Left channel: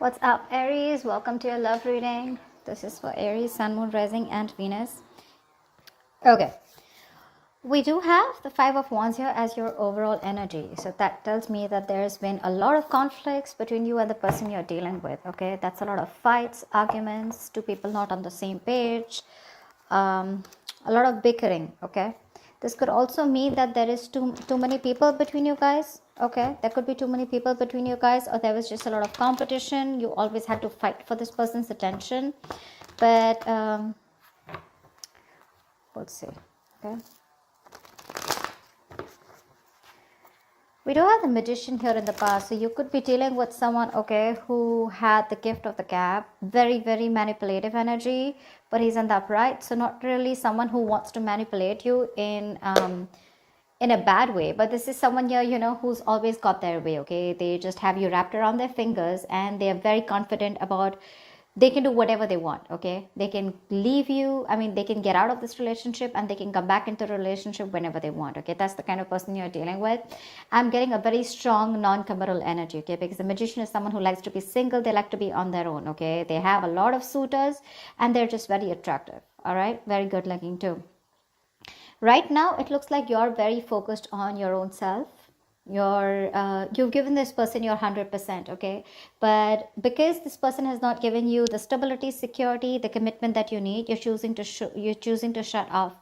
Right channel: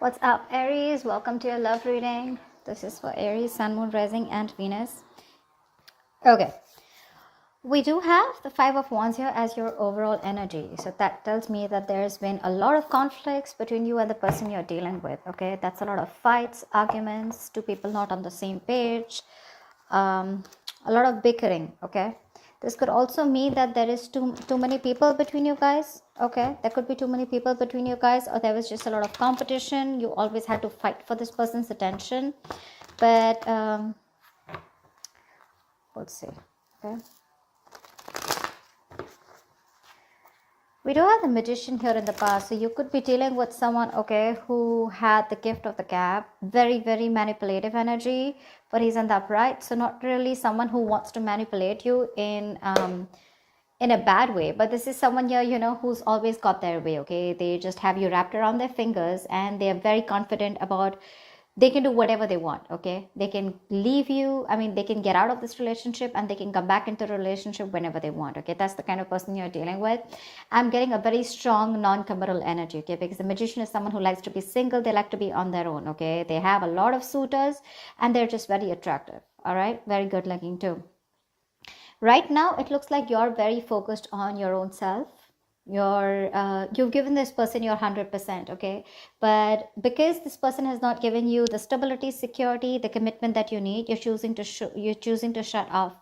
What's up, Aries? Welcome to your love reading. This is for Aries, Sun, Moon, Rising, and Venus. Okay, we do have the Five of Wands here as your overall energy. So that tells me that there's been a lot of conflicts between you and the person you're dealing with. Okay, that's a lot of fights, arguments, two people not on the same page, a lot of bickering. Okay, this could also mean that there is too many people between you guys. Okay, there could be too many people between you guys, or there was just a lot of competition. You always had to fight for this person's attention. But let's see. We do have the Magician here in the past, so you could be dealing with someone, okay, who had the gift of the gab, very, very manipulative energy, but he's in the upright, so not really someone who wants to manipulate you in a bad way, but this is someone here, who's always got their way, okay? They just have you wrapped around their fingers, and they are very confident about they can do whatever they want, okay? They can leave you, they can get out of this relationship and they can come back into the relationship whenever they want, okay? That's the kind of person you're dealing with. I'm getting a very strong non-committal energy, okay? Because the Magician is someone who likes to be single. They like to be on their own, okay? They have a lot of suitors and they're just very attractive, all right? Very good looking too. Right now, it looks like you're very focused on your own self. You've given this person your 100%, okay? But because this person has not given you the stability, security, the commitment that you need, you're choosing to shut off.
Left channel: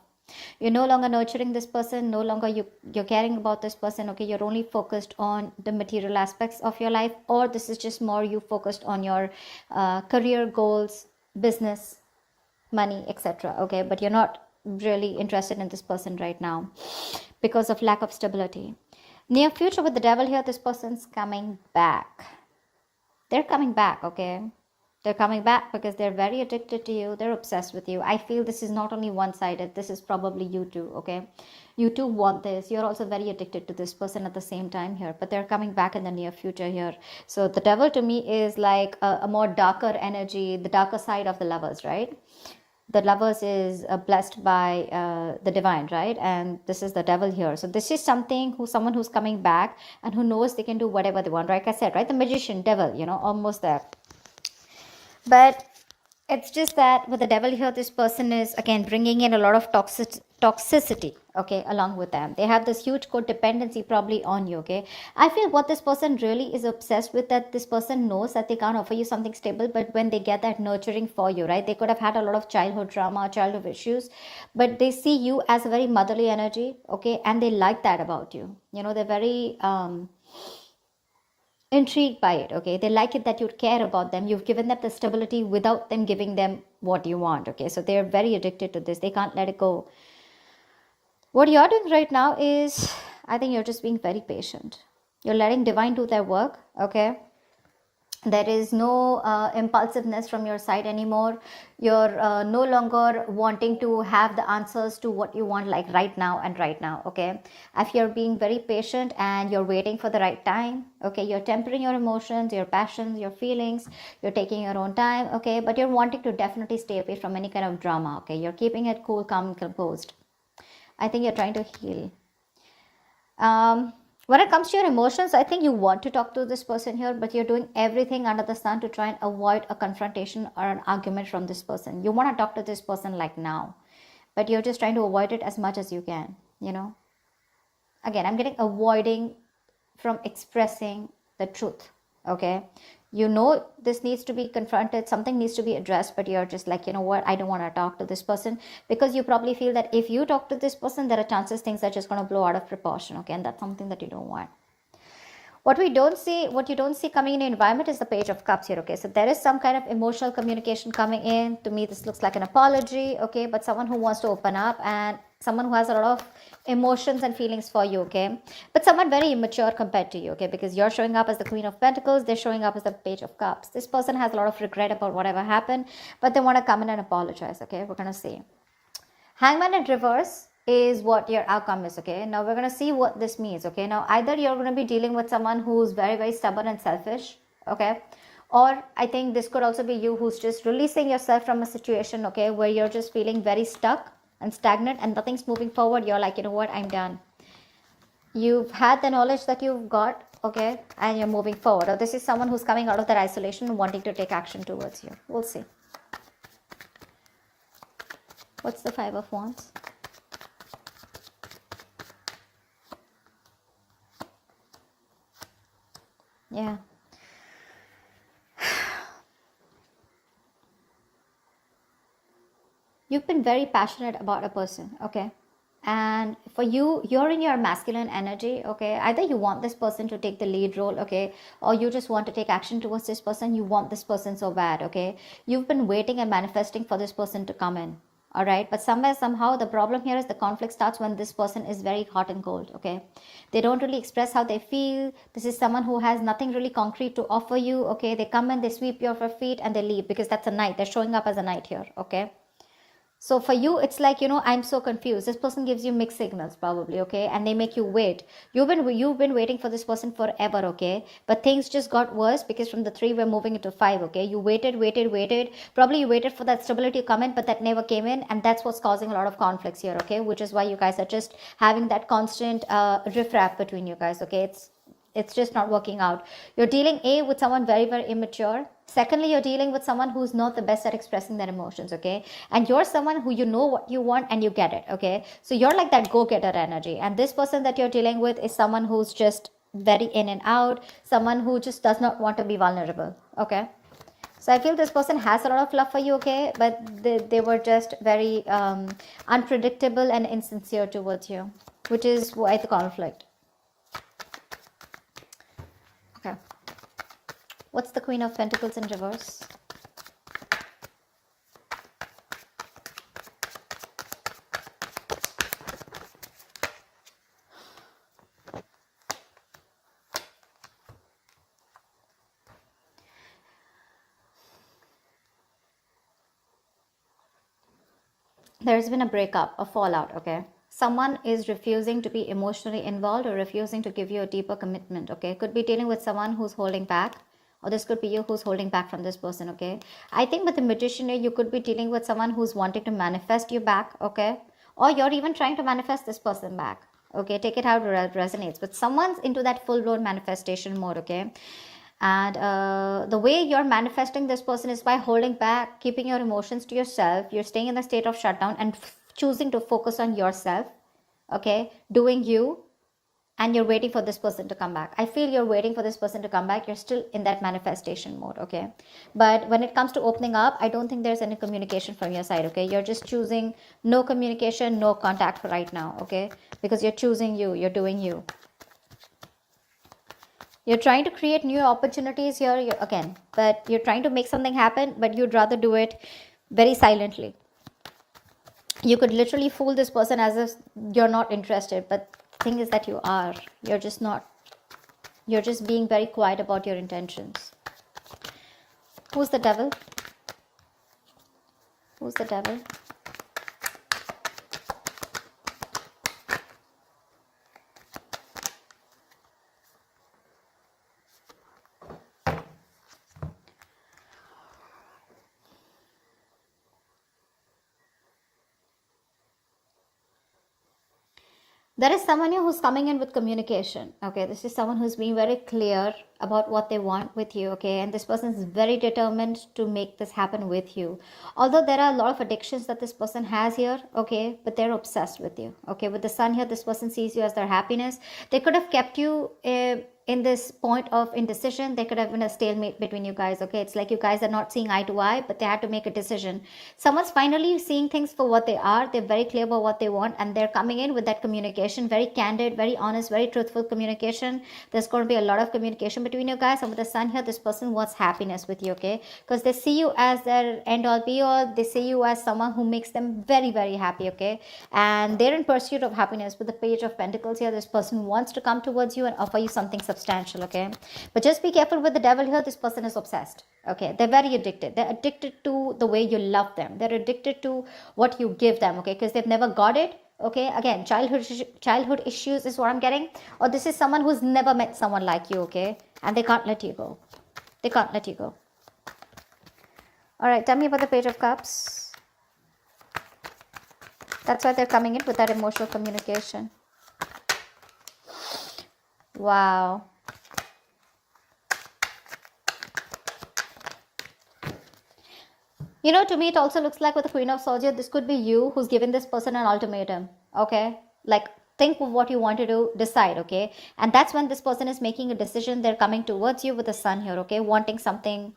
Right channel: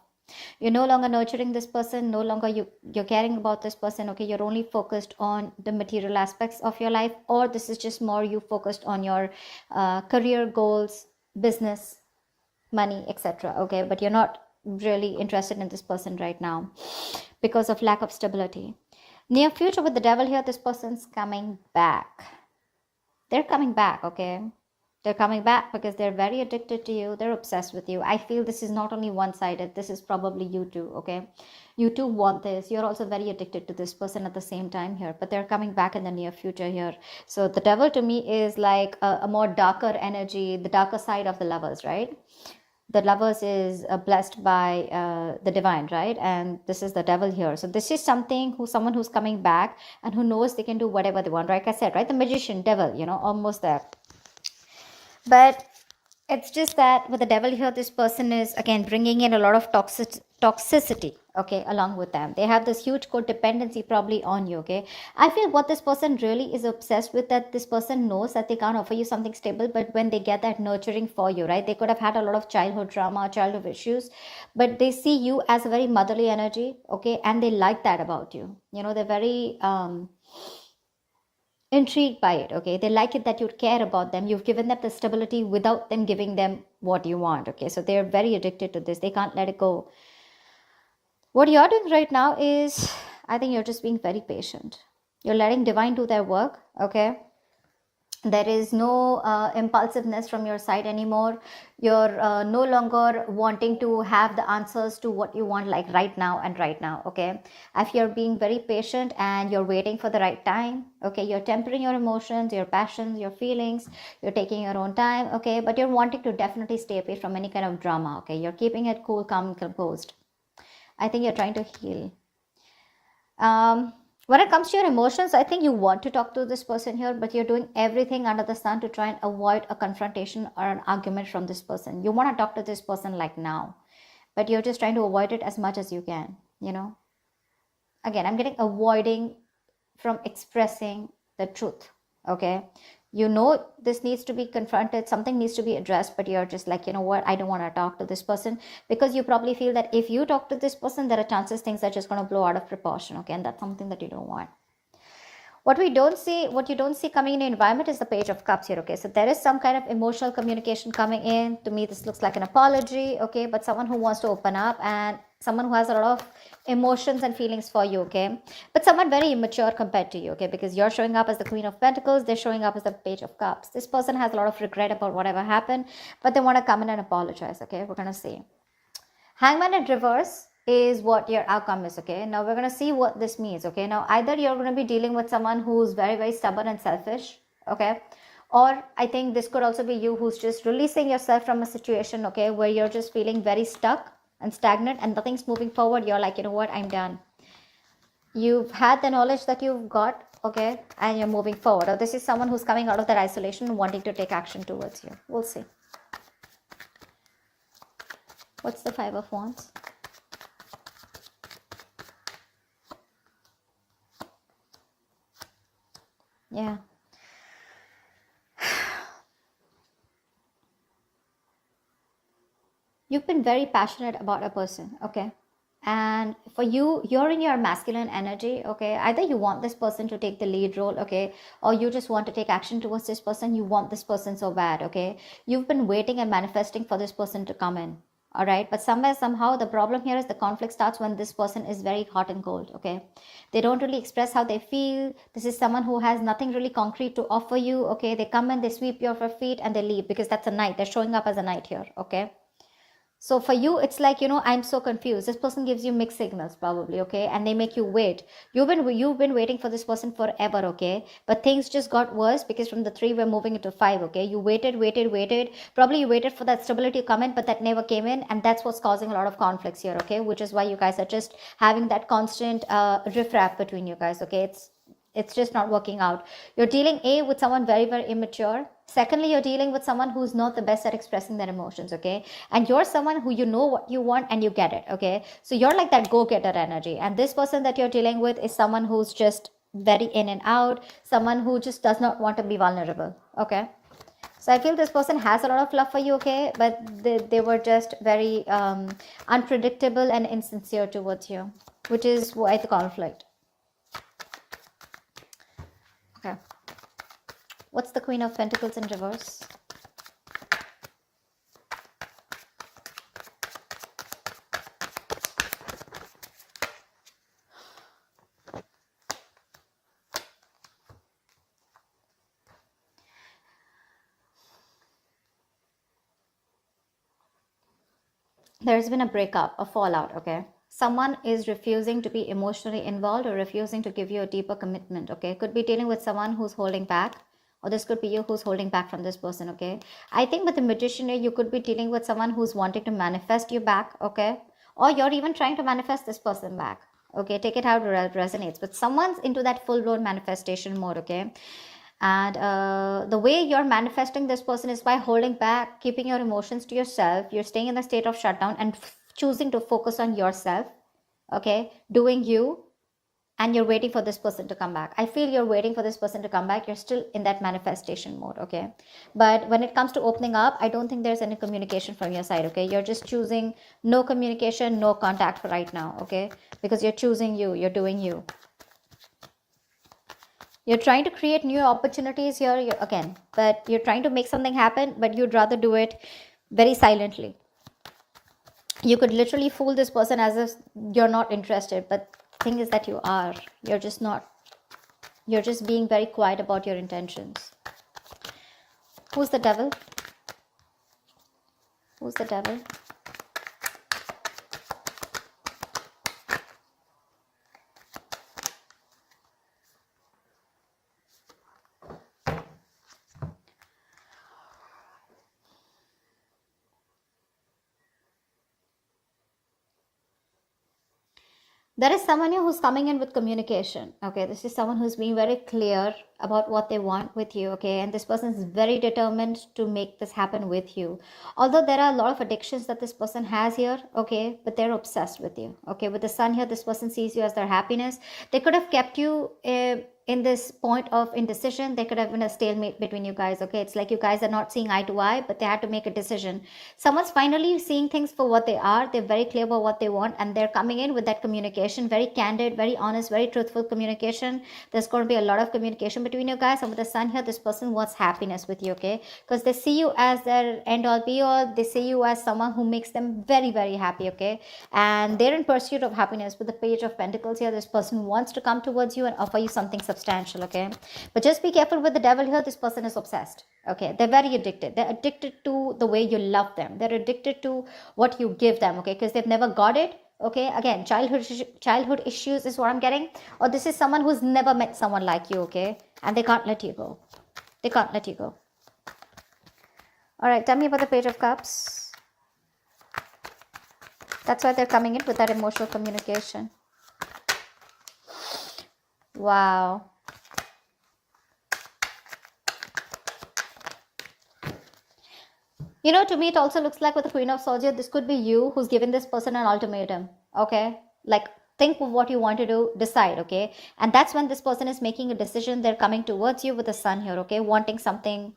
You're no longer nurturing this person, no longer you're caring about this person, okay? You're only focused on the material aspects of your life, or this is just more you focused on your career goals, business, money, etc. Okay, but you're not really interested in this person right now because of lack of stability. Near future with the devil here, this person's coming back. They're coming back, okay? They're coming back because they're very addicted to you. They're obsessed with you. I feel this is not only one-sided. This is probably you too, okay? You too want this. You're also very addicted to this person at the same time here. But they're coming back in the near future here. So the devil to me is like a more darker energy, the darker side of the lovers, right? The lovers is blessed by the divine, right? And this is the devil here. So this is someone who's coming back and who knows they can do whatever they want. Like I said, right? The Magician, devil, almost there. But it's just that with the devil here, this person is again bringing in a lot of toxicity, okay, along with them. They have this huge codependency probably on you, okay? I feel what this person really is obsessed with, that this person knows that they can't offer you something stable, but when they get that nurturing for you, right? They could have had a lot of childhood trauma, childhood issues, but they see you as a very motherly energy, okay? And they like that about you. They're very intrigued by it, okay? They like it that you care about them. You've given them the stability without them giving them what you want, okay? So they're very addicted to this. They can't let it go. What you're doing right now is, I think you're just being very patient. You're letting divine do their work, okay? There is no impulsiveness from your side anymore. You're no longer wanting to have the answers to what you want, like right now, okay? If you're being very patient and you're waiting for the right time, okay? You're tempering your emotions, your passions, your feelings. You're taking your own time, okay? But you're wanting to definitely stay away from any kind of drama, okay? You're keeping it cool, calm, and composed. I think you're trying to heal. When it comes to your emotions, I think you want to talk to this person here, but you're doing everything under the sun to try and avoid a confrontation or an argument from this person. You want to talk to this person like now, but you're just trying to avoid it as much as you can, Again, I'm getting avoiding from expressing the truth, okay? This needs to be confronted, something needs to be addressed, but you're just like, what, I don't want to talk to this person, because you probably feel that if you talk to this person, there are chances things are just going to blow out of proportion, okay? And that's something that you don't want. What you don't see coming in the environment is the Page of Cups here, okay? So there is some kind of emotional communication coming in. To me, this looks like an apology, okay? But someone who wants to open up, and someone who has a lot of emotions and feelings for you, okay? But someone very immature compared to you, okay? Because you're showing up as the Queen of Pentacles, they're showing up as the Page of Cups. This person has a lot of regret about whatever happened, but they want to come in and apologize, okay? We're going to see. Hangman in reverse is what your outcome is, okay? Now we're going to see what this means, okay? Now either you're going to be dealing with someone who's very, very stubborn and selfish, okay? Or I think this could also be you who's just releasing yourself from a situation, okay, where you're just feeling very stuck and stagnant and nothing's moving forward. You're like, what, I'm done. You've had the knowledge that you've got okay, and you're moving forward. Or this is someone who's coming out of their isolation and wanting to take action towards you. We'll see. What's the Five of Wands? Yeah. You've been very passionate about a person, okay? And for you, you're in your masculine energy, okay? Either you want this person to take the lead role, okay? Or you just want to take action towards this person. You want this person so bad, okay? You've been waiting and manifesting for this person to come in, all right? But somewhere, somehow, the problem here is the conflict starts when this person is very hot and cold, okay? They don't really express how they feel. This is someone who has nothing really concrete to offer you, okay? They come in, they sweep your feet, and they leave because that's a knight. They're showing up as a knight here, okay? So for you, it's like, I'm so confused. This person gives you mixed signals, probably, okay? And they make you wait. You've been waiting for this person forever, okay? But things just got worse because from the 3, we're moving into 5, okay? You waited. Probably you waited for that stability to come in, but that never came in. And that's what's causing a lot of conflicts here, okay? Which is why you guys are just having that constant riff-raff between you guys, okay? It's just not working out. You're dealing with someone very, very immature. Secondly, you're dealing with someone who's not the best at expressing their emotions, okay? And you're someone who you know what you want and you get it, okay? So you're like that go-getter energy. And this person that you're dealing with is someone who's just very in and out, someone who just does not want to be vulnerable, okay? So I feel this person has a lot of love for you, okay? But they were just very unpredictable and insincere towards you, which is why the conflict. Okay. What's the Queen of Pentacles in reverse? There's been a breakup, a fallout, okay? Someone is refusing to be emotionally involved or refusing to give you a deeper commitment, okay? Could be dealing with someone who's holding back, or this could be you who's holding back from this person, okay? I think with the Magician, you could be dealing with someone who's wanting to manifest you back, okay? Or you're even trying to manifest this person back, okay? Take it how it resonates. But someone's into that full-blown manifestation mode, okay? And the way you're manifesting this person is by holding back, keeping your emotions to yourself. You're staying in a state of shutdown and choosing to focus on yourself, okay, doing you, and you're waiting for this person to come back. I feel you're waiting for this person to come back. You're still in that manifestation mode, okay? But when it comes to opening up, I don't think there's any communication from your side, okay? You're just choosing no communication, no contact for right now, okay? Because you're choosing you, you're doing you. You're trying to create new opportunities here again, but you're trying to make something happen, but you'd rather do it very silently. You could literally fool this person as if you're not interested, but the thing is that you are. You're just not. You're just being very quiet about your intentions. Who's the devil? Who's the devil? There is someone who's coming in with communication, okay? This is someone who's being very clear about what they want with you, okay? And this person is very determined to make this happen with you. Although there are a lot of addictions that this person has here, okay? But they're obsessed with you, okay? With the sun here, this person sees you as their happiness. They could have kept you in this point of indecision. They could have been a stalemate between you guys, okay? It's like you guys are not seeing eye to eye, but they had to make a decision. Someone's finally seeing things for what they are. They're very clear about what they want, and they're coming in with that communication, very candid, very honest, very truthful communication. There's going to be a lot of communication between you guys. And with the sun here, this person wants happiness with you, okay? Because they see you as their end all be all. They see you as someone who makes them very, very happy, okay? And they're in pursuit of happiness. With the Page of Pentacles here, this person wants to come towards you and offer you something substantial, okay? But just be careful with the devil here. This person is obsessed, okay? They're very addicted. They're addicted to the way you love them. They're addicted to what you give them, okay? Because they've never got it, okay? Again, childhood issues is what I'm getting. Or this is someone who's never met someone like you, okay? And they can't let you go. They can't let you go. All right, tell me about the Page of Cups. That's why they're coming in with that emotional communication. Wow. You know, to me, it also looks like with the Queen of Swords here, this could be you who's given this person an ultimatum, okay? Like, think of what you want to do, decide, okay? And that's when this person is making a decision. They're coming towards you with the sun here, okay? Wanting something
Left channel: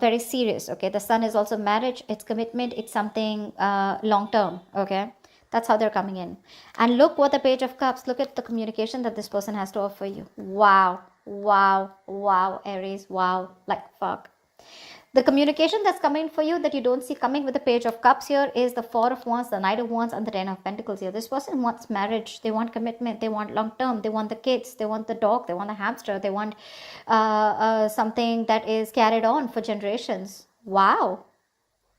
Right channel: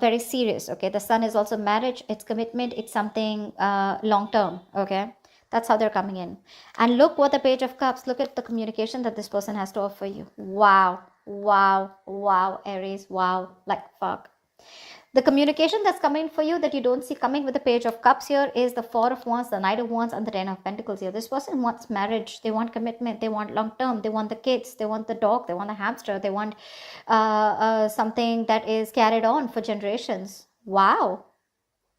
very serious, okay? The sun is also marriage, it's commitment, it's something long-term, okay? That's how they're coming in. And look what the Page of Cups, look at the communication that this person has to offer you. Wow, wow, wow, Aries, wow, like fuck. The communication that's coming for you that you don't see coming with the Page of Cups here is the Four of Wands, the Knight of Wands, and the Ten of Pentacles here. This person wants marriage. They want commitment. They want long term. They want the kids. They want the dog. They want the hamster. They want something that is carried on for generations. Wow.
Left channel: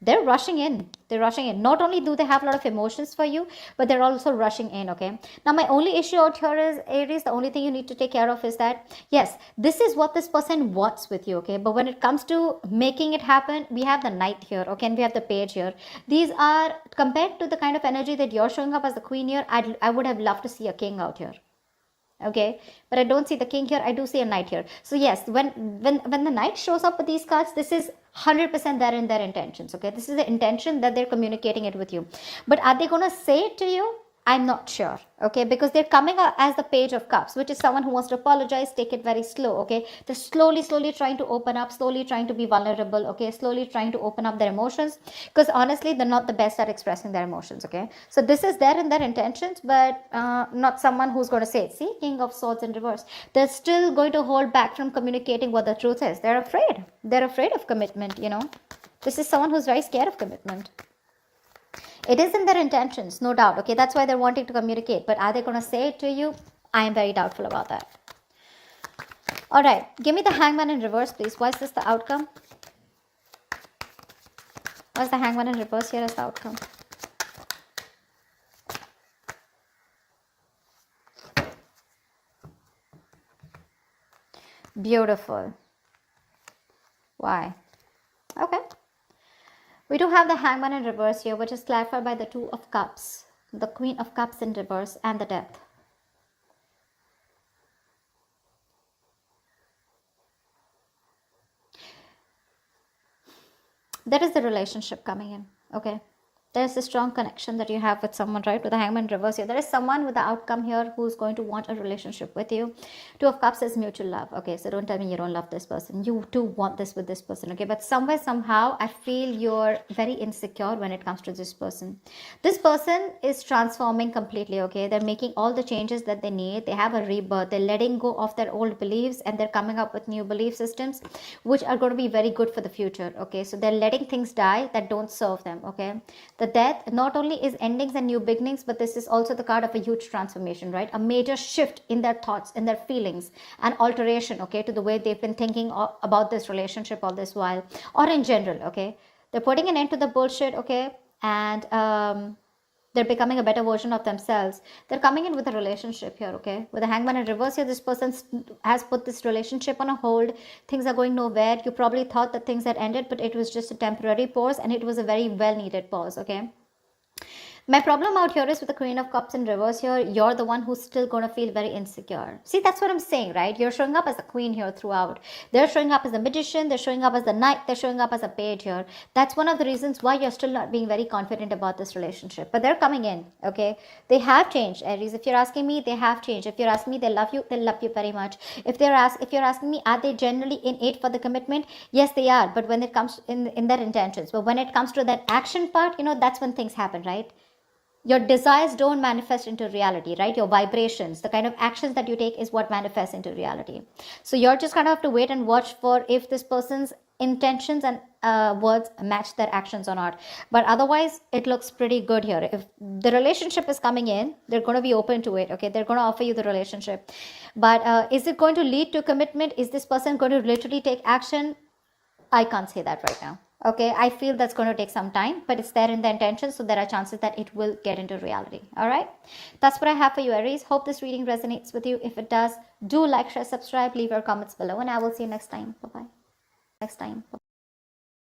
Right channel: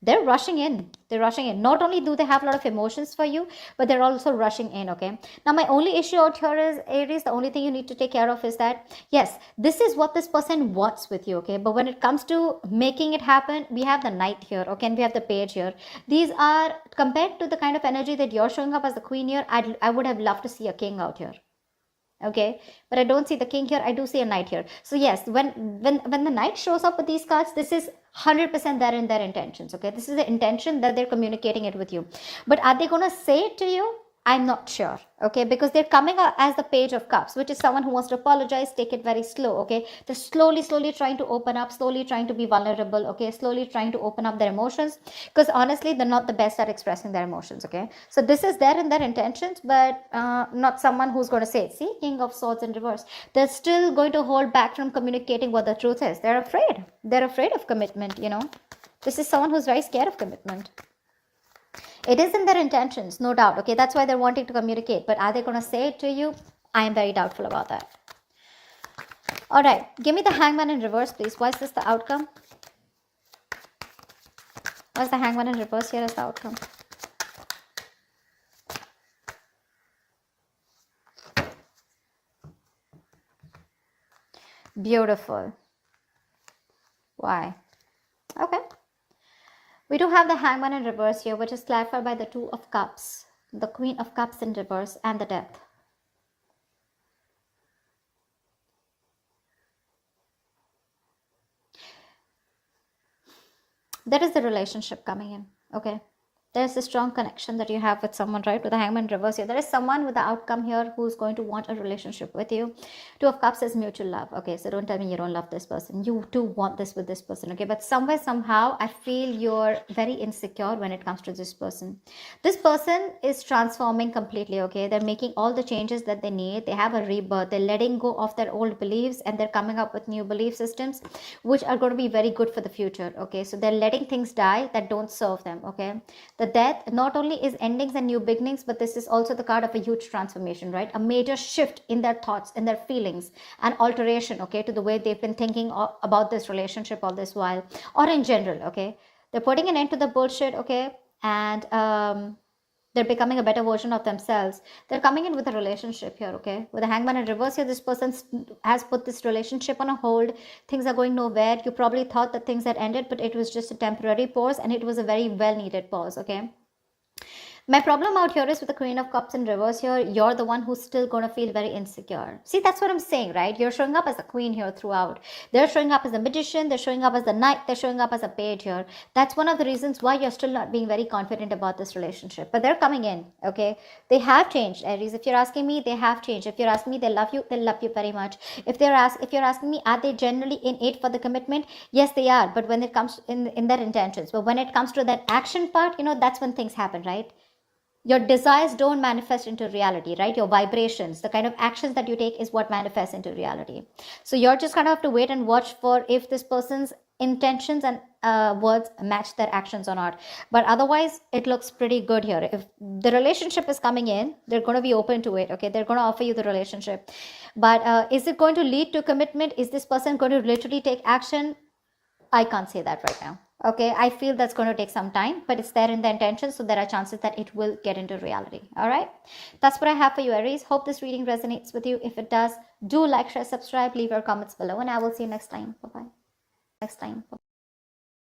They're rushing in. They're rushing in. Not only do they have a lot of emotions for you, but they're also rushing in, okay? Now, my only issue out here is, Aries, the only thing you need to take care of is that, yes, this is what this person wants with you, okay? But when it comes to making it happen, we have the Knight here, okay? And we have the Page here. These are, compared to the kind of energy that you're showing up as the Queen here, I would have loved to see a King out here. Okay, but I don't see the King here. I do see a Knight here. So yes, when the Knight shows up with these cards, this is 100% there in their intentions. Okay, this is the intention that they're communicating it with you. But are they going to say it to you? I'm not sure, okay, because they're coming out as the Page of Cups, which is someone who wants to apologize, take it very slow, okay. They're slowly trying to open up, slowly trying to be vulnerable, okay, slowly trying to open up their emotions, because honestly, they're not the best at expressing their emotions, okay. So this is there in their intentions, but not someone who's going to say it. See, King of Swords in reverse. They're still going to hold back from communicating what the truth is. They're afraid. They're afraid of commitment, you know. This is someone who's very scared of commitment. It is in their intentions, no doubt, okay? That's why they're wanting to communicate. But are they going to say it to you? I am very doubtful about that. All right. Give me the Hangman in reverse, please. Why is this the outcome? Where's the Hangman in reverse here as the outcome? Beautiful. Why? Okay. We do have the Hangman in reverse here, which is clarified by the Two of Cups, the Queen of Cups in reverse, and the Death. That is the relationship coming in, okay? There's a strong connection that you have with someone, right? With the Hangman in reverse here. There is someone with the outcome here who's going to want a relationship with you. Two of Cups is mutual love. Okay, so don't tell me you don't love this person. You do want this with this person, okay? But somewhere, somehow, I feel you're very insecure when it comes to this person. This person is transforming completely, okay? They're making all the changes that they need. They have a rebirth. They're letting go of their old beliefs and they're coming up with new belief systems, which are going to be very good for the future, okay? So they're letting things die that don't serve them, okay? The Death not only is endings and new beginnings, but this is also the card of a huge transformation, right? A major shift in their thoughts and their feelings, an alteration, okay, to the way they've been thinking about this relationship all this while, or in general, okay? They're putting an end to the bullshit, okay? And they're becoming a better version of themselves. They're coming in with a relationship here, okay? With the Hangman in reverse here, this person has put this relationship on a hold. Things are going nowhere. You probably thought that things had ended, but it was just a temporary pause, and it was a very well-needed pause, okay? My problem out here is with the Queen of Cups in reverse here, you're the one who's still going to feel very insecure. See, that's what I'm saying, right? You're showing up as the Queen here throughout. They're showing up as a Magician. They're showing up as the Knight. They're showing up as a Page here. That's one of the reasons why you're still not being very confident about this relationship. But they're coming in, okay? They have changed, Aries. If you're asking me, they have changed. If you're asking me, they love you very much. If you're asking me, are they generally innate for the commitment? Yes, they are. But when it comes in their intentions. But when it comes to that action part, you know, that's when things happen, right? Your desires don't manifest into reality, right? Your vibrations, the kind of actions that you take is what manifests into reality. So you're just going to have to wait and watch for if this person's intentions and words match their actions or not. But otherwise, it looks pretty good here. If the relationship is coming in, they're going to be open to it, okay? They're going to offer you the relationship. But is it going to lead to commitment? Is this person going to literally take action? I can't say that right now. Okay, I feel that's going to take some time, but it's there in the intention, so there are chances that it will get into reality. All right, that's what I have for you, Aries. Hope this reading resonates with you. If it does, do like, share, subscribe, leave your comments below, and I will see you next time. Bye-bye.